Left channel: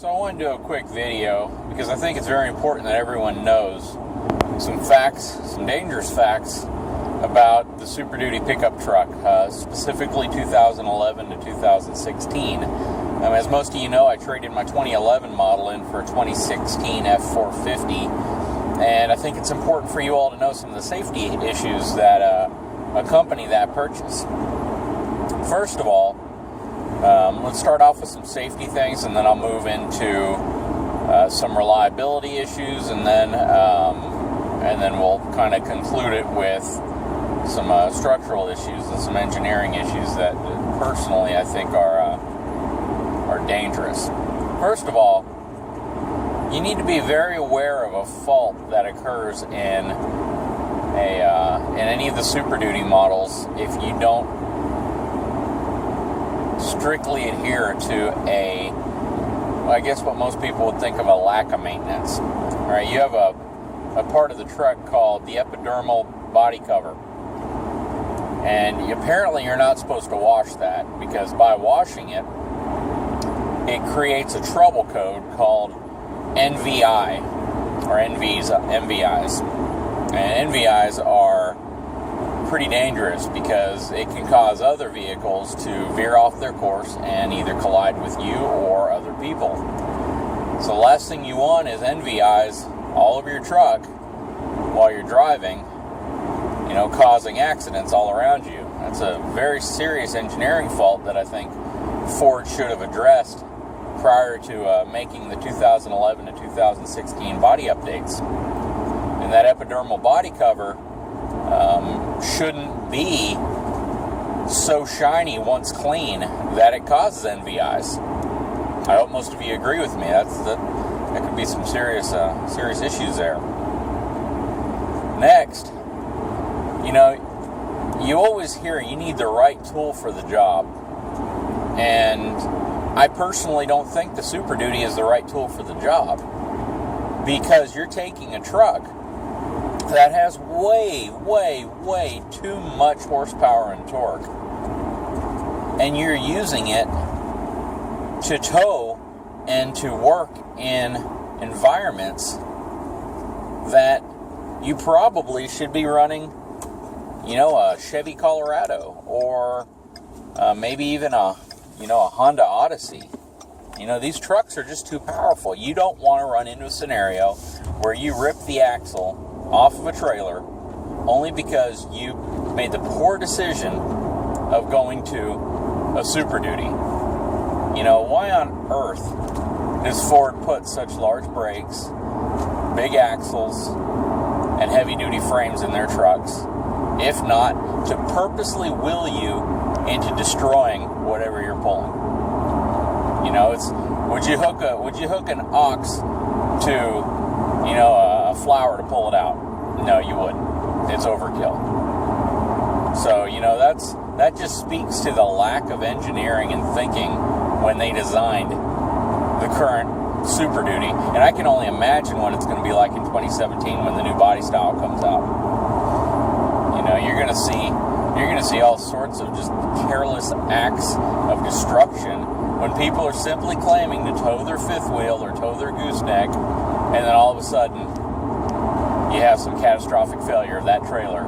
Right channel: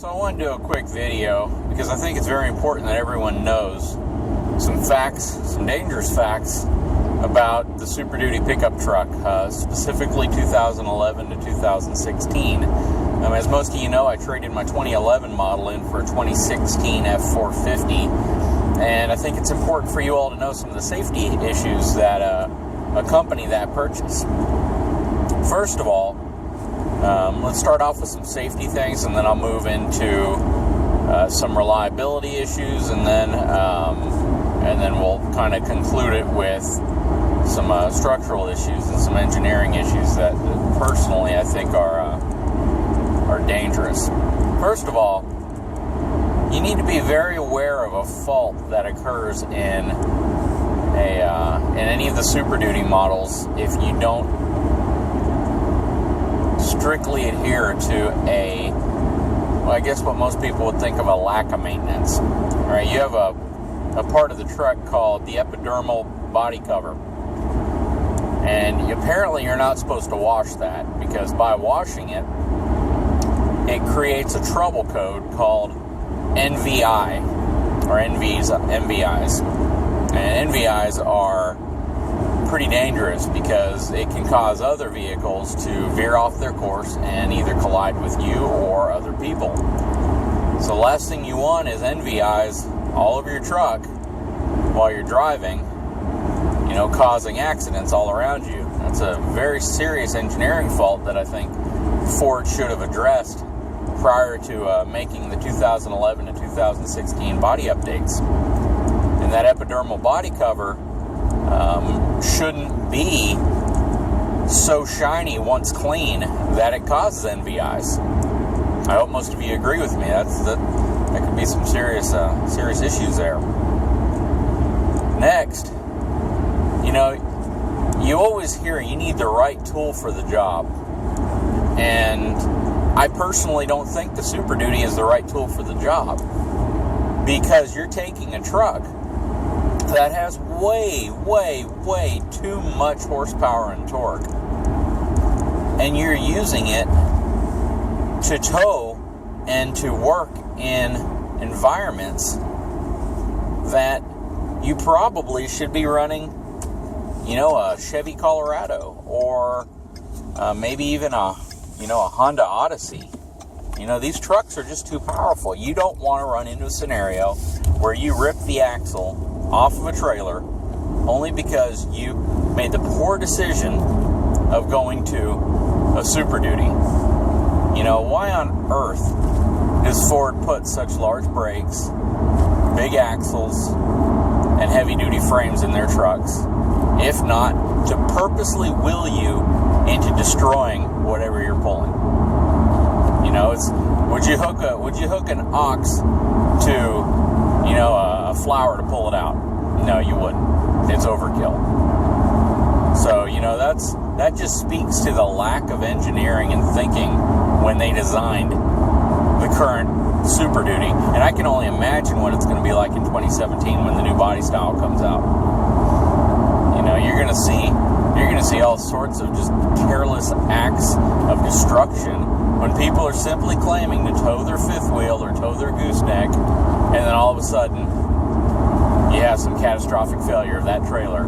So I want to do a quick video because I think it's very important that everyone knows some facts, some dangerous facts about the Super Duty pickup truck, specifically 2011 to 2016. As most of you know, I traded my 2011 model in for a 2016 F450, and I think it's important for you all to know some of the safety issues that accompany that purchase. First of all, let's start off with some safety things, and then I'll move into some reliability issues, and then we'll kind of conclude it with some structural issues and some engineering issues that personally I think are dangerous. First of all, you need to be very aware of a fault that occurs in any of the Super Duty models if you don't strictly adhere to I guess what most people would think of a lack of maintenance. All right, you have a part of the truck called the epidermal body cover, and apparently you're not supposed to wash that, because by washing it, it creates a trouble code called NVI, or NVIs. And NVIs are pretty dangerous because it can cause other vehicles to veer off their course and either collide with you or other people. So the last thing you want is NVIs all over your truck while you're driving, causing accidents all around you. That's a very serious engineering fault that I think Ford should have addressed prior to making the 2011 to 2016 body updates. And that epidermal body cover shouldn't be so shiny once clean that it causes NVIs. I hope most of you agree with me. That could be some serious issues there. Next, you always hear you need the right tool for the job. And I personally don't think the Super Duty is the right tool for the job, because you're taking a truck that has way, way, way too much horsepower and torque, and you're using it to tow and to work in environments that you probably should be running, a Chevy Colorado, or maybe even a Honda Odyssey. These trucks are just too powerful. You don't want to run into a scenario where you rip the axle off of a trailer only because you made the poor decision of going to a Super Duty. Why on earth does Ford put such large brakes, big axles, and heavy-duty frames in their trucks, if not to purposely will you into destroying whatever you're pulling? Would you hook an ox to a flower to pull it out? No, you wouldn't. It's overkill. So that just speaks to the lack of engineering and thinking when they designed the current Super Duty. And I can only imagine what it's going to be like in 2017 when the new body style comes out. You're going to see all sorts of just careless acts of destruction when people are simply claiming to tow their fifth wheel or tow their gooseneck, and then all of a sudden you have some catastrophic failure of that trailer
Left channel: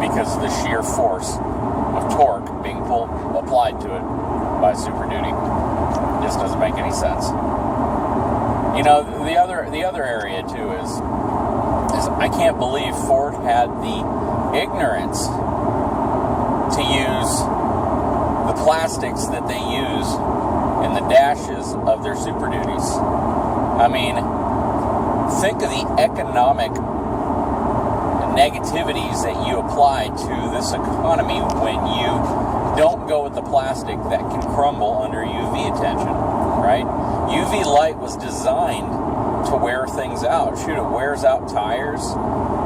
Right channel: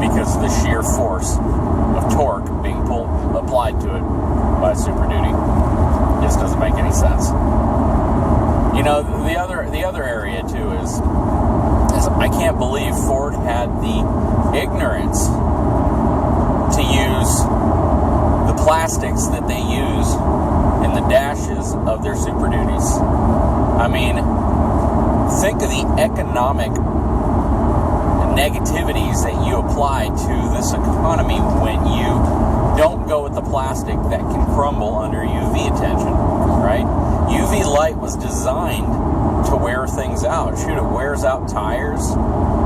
because of the sheer force of torque being applied to it by Super Duty. It just doesn't make any sense. The other area too is I can't believe Ford had the ignorance to use the plastics that they use in the dashes of their Super Duties. Think of the economic negativities that you apply to this economy when you don't go with the plastic that can crumble under UV attention, right? UV light was designed to wear things out. Shoot, it wears out tires,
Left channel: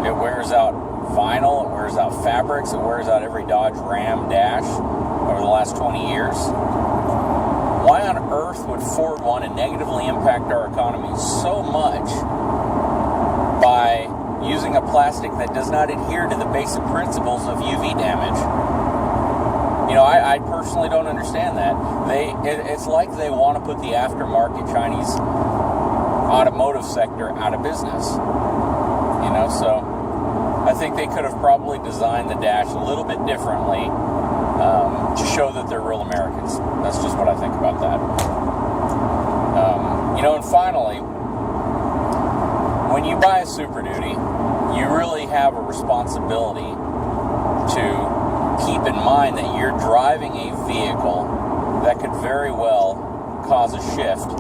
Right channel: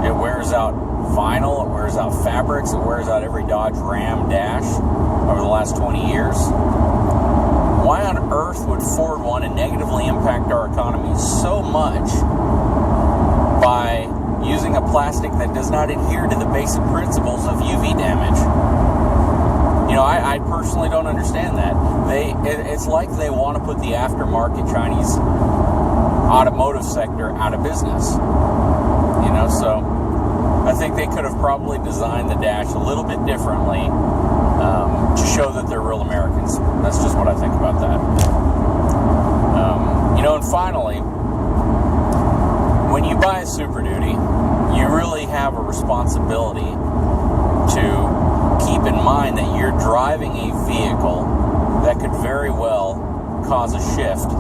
it wears out vinyl, it wears out fabrics, it wears out every Dodge Ram dash over the last 20 years. Why on earth would Ford want to negatively impact our economy so much by using a plastic that does not adhere to the basic principles of UV damage? I personally don't understand that. It's like they want to put the aftermarket Chinese automotive sector out of business. So I think they could have probably designed the dash a little bit differently to show that they're real Americans. That's just what I think about that. And finally, when you buy a Super Duty, you really have a responsibility to keep in mind that you're driving a vehicle that could very well cause a shift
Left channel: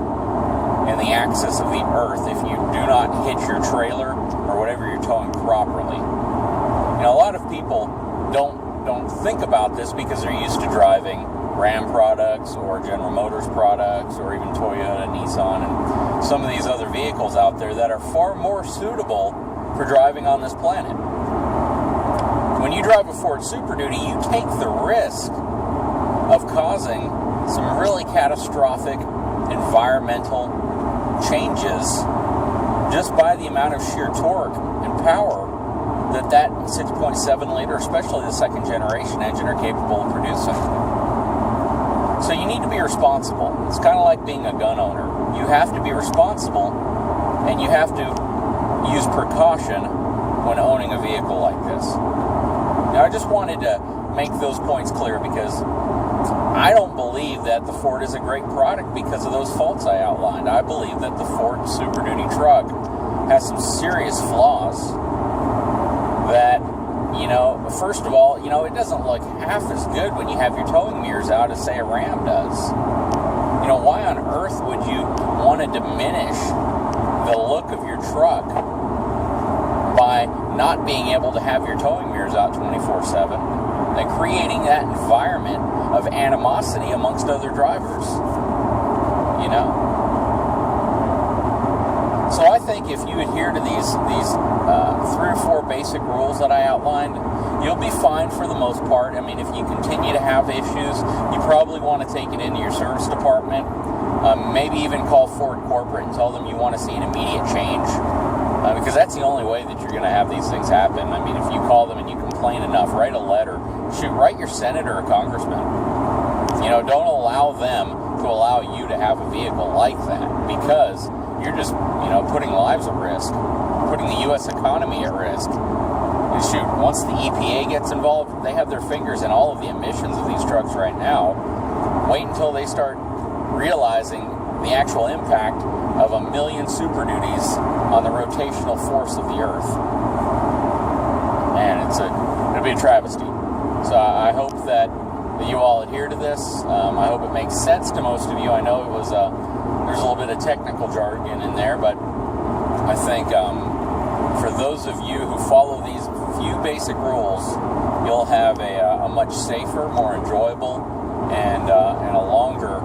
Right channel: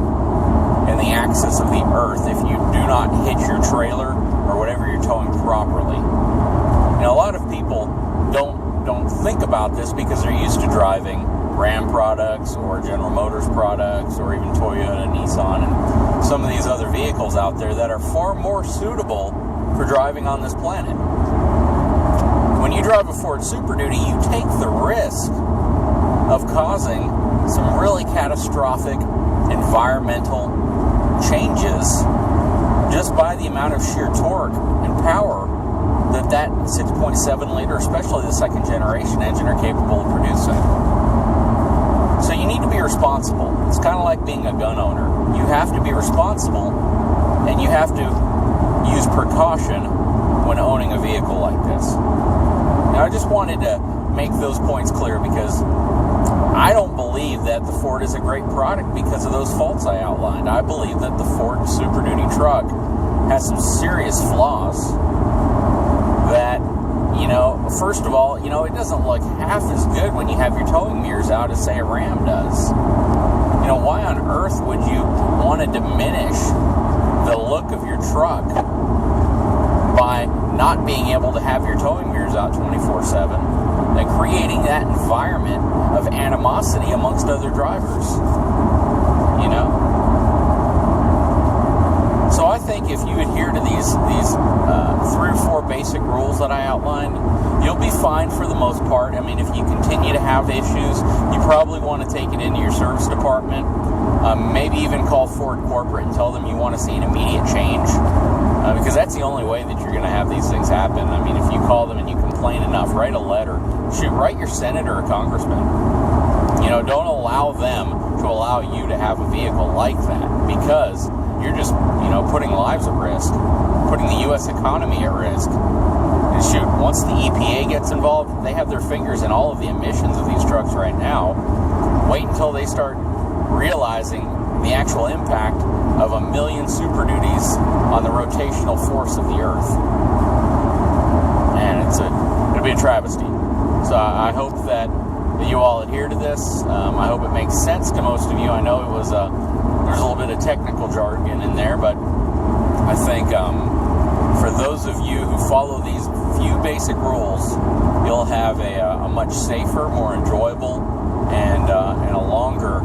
in the axis of the earth if you do not hit your trailer or whatever you're towing properly. A lot of people don't think about this because they're used to driving Ram products or General Motors products or even Toyota, Nissan, and some of these other vehicles out there that are far more suitable for driving on this planet. When you drive a Ford Super Duty, you take the risk of causing some really catastrophic environmental changes just by the amount of sheer torque and power that 6.7 liter, especially the second generation engine, are capable of producing. So you need to be responsible. It's kind of like being a gun owner. You have to be responsible, and you have to use precaution when owning a vehicle like this. Now, I just wanted to make those points clear because I don't believe that the Ford is a great product because of those faults I outlined. I believe that the Ford Super Duty truck has some serious flaws that, first of all, it doesn't look half as good when you have your towing mirrors out as, say, a Ram does. Why on earth would you want to diminish the look of your truck by not being able to have your towing mirrors out 24/7 and creating that environment of animosity amongst other drivers? So I think if you adhere to these 3 or 4 basic rules that I outlined, you'll be fine for the most part. I mean, if you continue to have issues, you probably want to take it into your service department. Maybe even call Ford Corporate and tell them you want to see an immediate change. Because that's the only way that you're going to have these things happen. I mean, if you call them and you complain enough, write a letter. Write your senator or congressman. Don't allow them to allow you to have a vehicle like that, because you're just, putting lives at risk, putting the U.S. economy at risk. And once the EPA gets involved, they have their fingers in all of the emissions of these trucks right now. Wait until they start realizing the actual impact of 1 million Super Duties on the rotational force of the Earth. And it'll be a travesty. So I hope that you all adhere to this. I hope it makes sense to most of you. I know there's a little bit of technical jargon in there, but I think for those of you who follow these few basic rules, you'll have a much safer, more enjoyable, and a longer